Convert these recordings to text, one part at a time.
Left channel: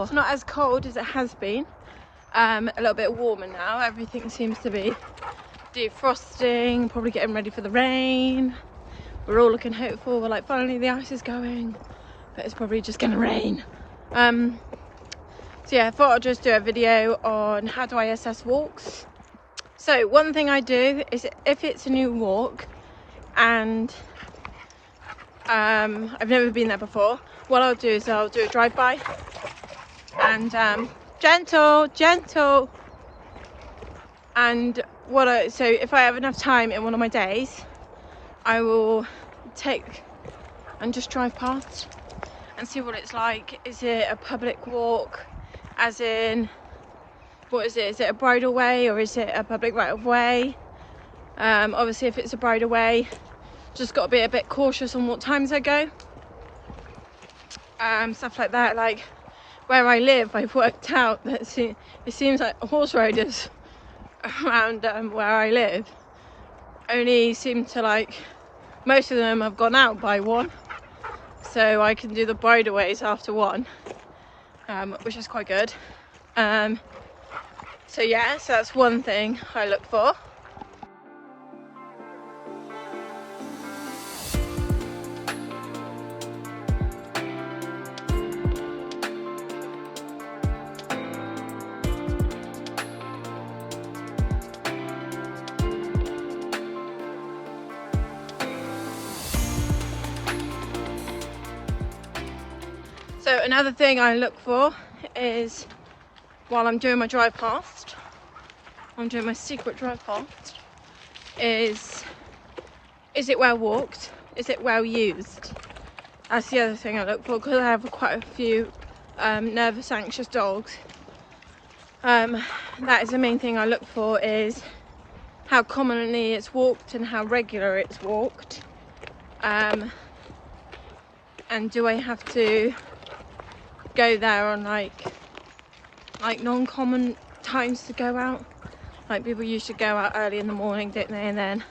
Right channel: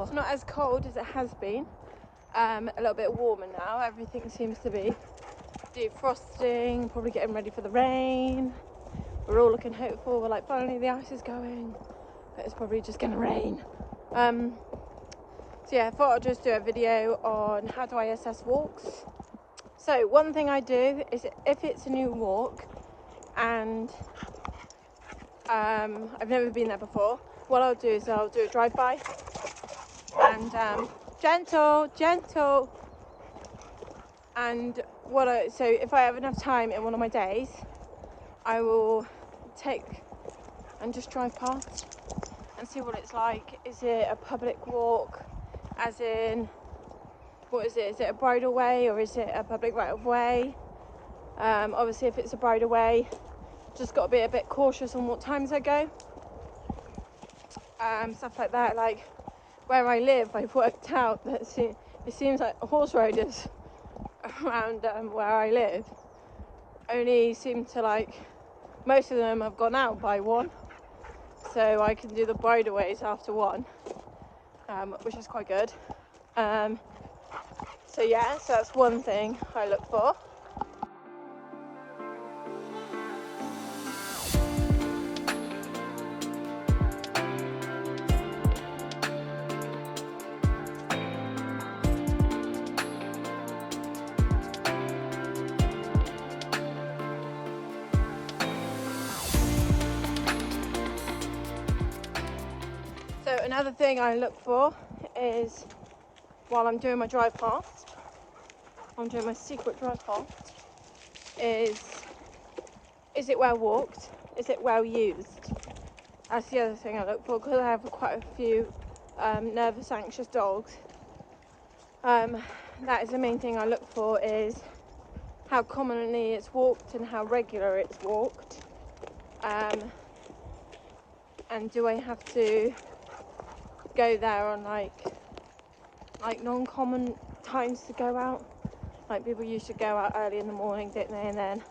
before. It's not as cold as it has been. A little bit warmer now. Everything seems to be defrosting, probably getting ready for the rain. We're all looking hopeful. We're like, finally the ice is going, but it's probably just gonna rain. So yeah, I thought I'd just do a video on how do I assess walks. So one thing I do is if it's a new walk and I've never been there before, what I'll do is I'll do a drive-by and gentle. And so if I have enough time in one of my days, I will take and just drive past and see what it's like. Is it a public walk, as in, what is it? Is it a bridle way or is it a public right of way? Obviously if it's a bridle way, just got to be a bit cautious on what times I go. Stuff like that. Like where I live, I've worked out that it seems like horse riders around where I live only seem to, like, most of them have gone out by 1, so I can do the bridle ways after 1, which is quite good. So yeah, so that's one thing I look for. So another thing I look for is, while I'm doing my drive past, I'm doing my secret drive past, is it well walked? Is it well used? That's the other thing I look for, because I have quite a few nervous, anxious dogs. That is the main thing I look for, is how commonly it's walked and how regular it's walked. And do I have to go there on like non-common times to go out? Like people used to go out early in the morning, didn't they, and then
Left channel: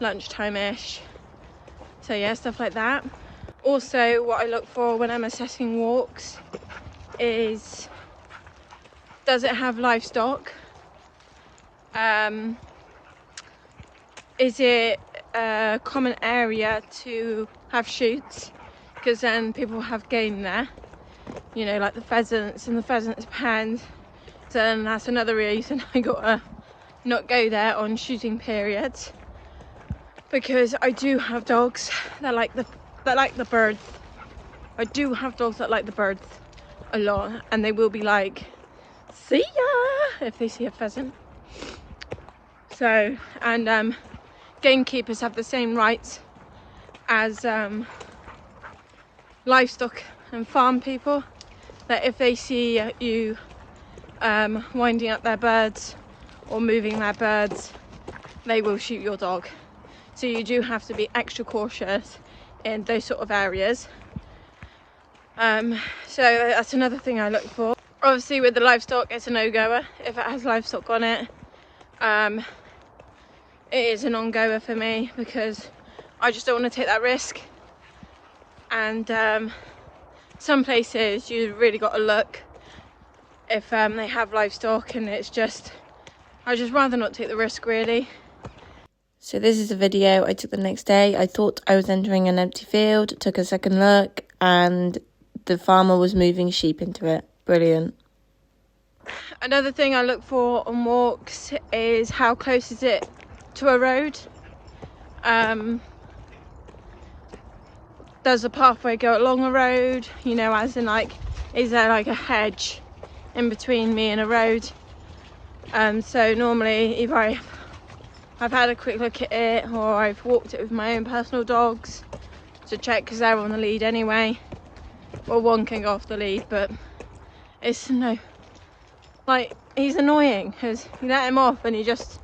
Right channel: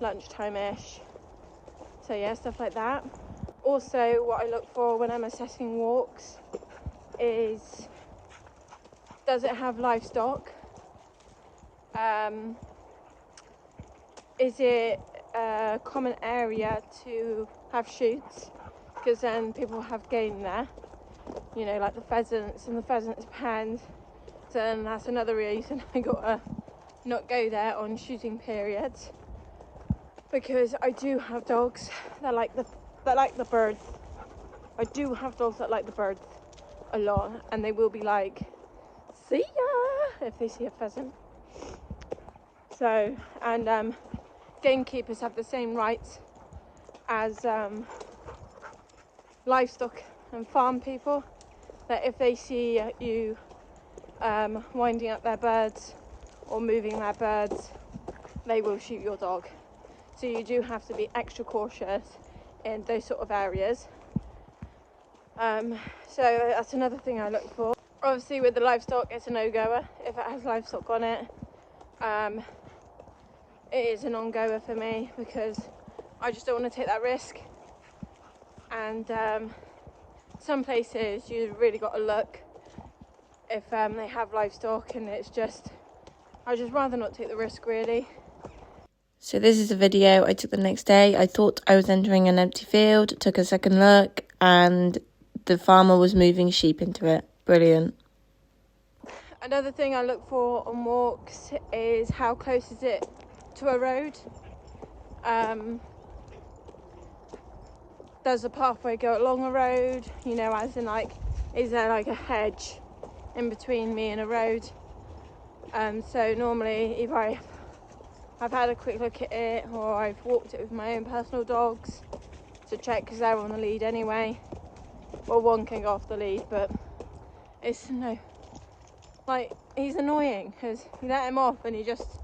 lunchtime-ish. So yeah, stuff like that. Also, what I look for when I'm assessing walks is, does it have livestock? Is it a common area to have shoots? Because then people have game there, you know, like the pheasants and the pheasants pens. So then that's another reason I gotta not go there on shooting periods, because I do have dogs that like the birds. I do have dogs that like the birds a lot, and they will be like, see ya, if they see a pheasant. So, and gamekeepers have the same rights as livestock and farm people, that if they see you winding up their birds or moving their birds, they will shoot your dog. So you do have to be extra cautious in those sort of areas. So that's another thing I look for. Obviously with the livestock, it's a no-goer. If it has livestock on it, it is a non-goer for me, because I just don't want to take that risk. And some places you really got to look if they have livestock, and it's just, I just rather not take the risk, really. So this is a video I took the next day. I thought I was entering an empty field, took a second look, and the farmer was moving sheep into it. Brilliant. Another thing I look for on walks is how close is it to a road. Does the pathway go along a road? You know, as in, like, is there like a hedge in between me and a road? So normally, if I've had a quick look at it, or I've walked it with my own personal dogs to check, because they're on the lead anyway. Well, one can go off the lead, but it's no, like, he's annoying because you let him off and he just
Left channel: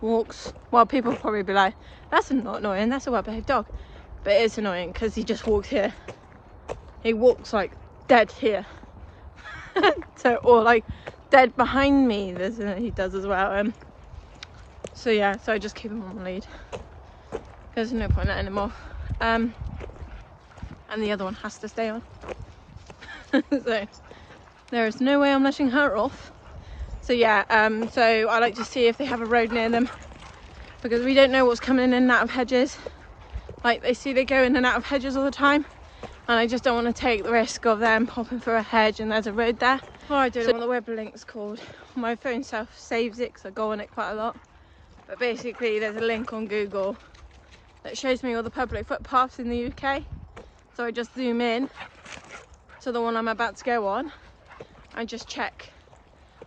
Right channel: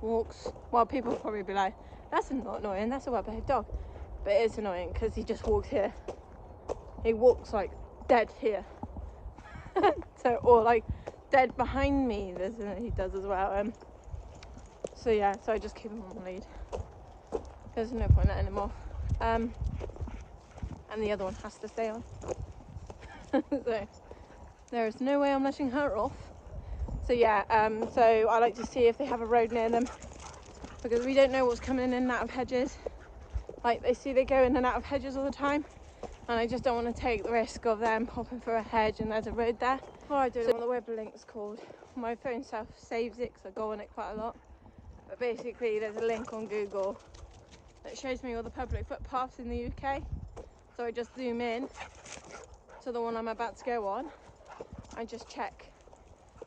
walks. Well, people probably be like, that's not annoying, that's a well-behaved dog. But it is annoying because he just walks here. He walks like dead here. So, or like dead behind me, he does as well. So yeah, so I just keep him on the lead. There's no point letting him off. And the other one has to stay on. So there is no way I'm letting her off. So yeah, so I like to see if they have a road near them, because we don't know what's coming in and out of hedges. Like they go in and out of hedges all the time, and I just don't want to take the risk of them popping through a hedge and there's a road there. Oh, I don't know what the web link's called. My phone self-saves it because I go on it quite a lot. But basically there's a link on Google that shows me all the public footpaths in the UK. So I just zoom in to the one I'm about to go on and just check,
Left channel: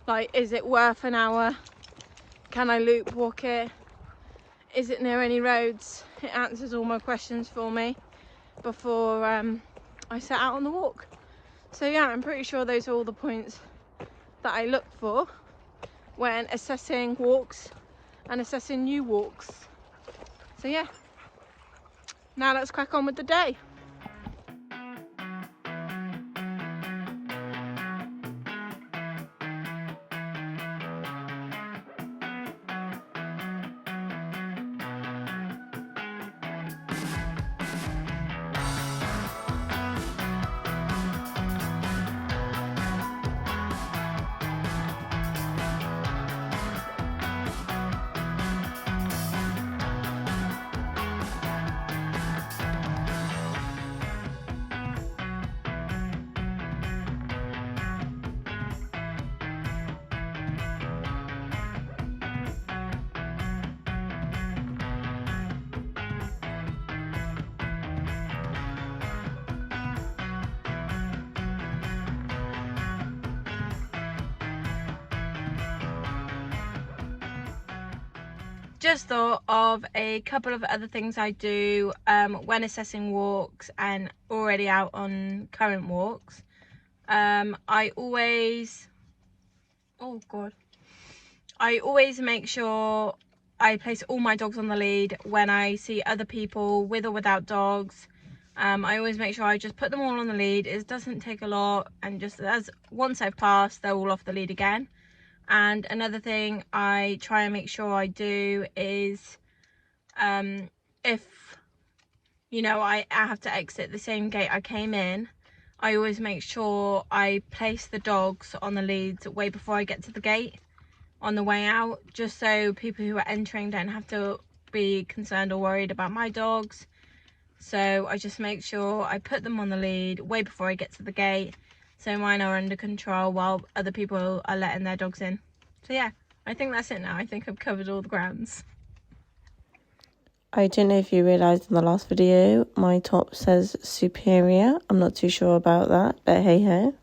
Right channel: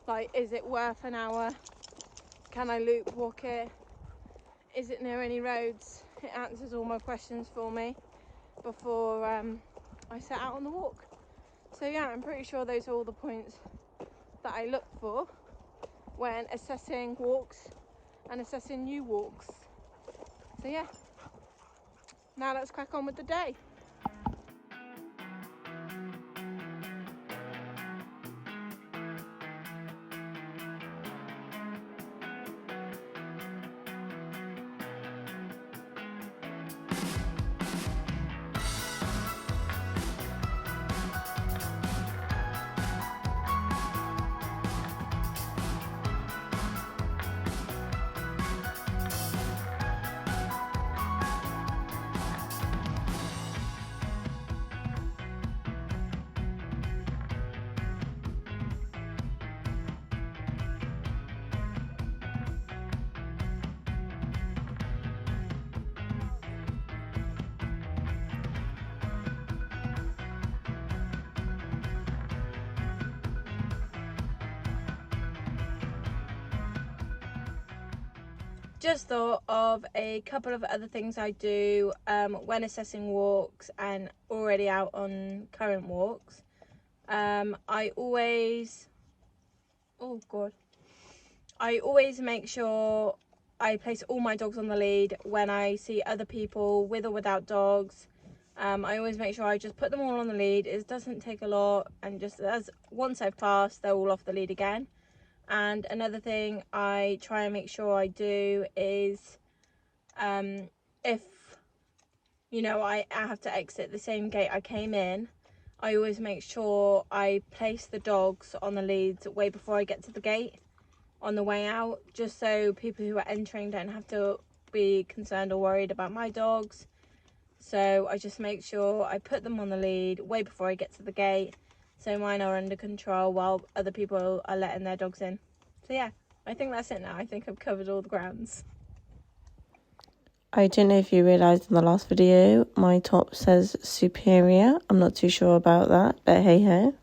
like, is it worth an hour? Can I loop walk it? Is it near any roads? It answers all my questions for me before I set out on the walk. So yeah, I'm pretty sure those are all the points that I look for when assessing walks and assessing new walks. So yeah, now let's crack on with the day. Just thought of a couple of other things I do when assessing walks and already out on current walks. I always make sure I place all my dogs on the lead when I see other people with or without dogs. I always make sure I just put them all on the lead. It doesn't take a lot, and just once I've passed, they're all off the lead again. And another thing I try and make sure I do is if I have to exit the same gate I came in, I always make sure I place the dogs on the leads way before I get to the gate on the way out, just so people who are entering don't have to be concerned or worried about my dogs. So I just make sure I put them on the lead way before I get to the gate, so mine are under control while other people are letting their dogs in. So yeah, I think that's it now. I think I've covered all the grounds. I don't know if you realised in the last video, my top says superior. I'm not too sure about that, but hey ho.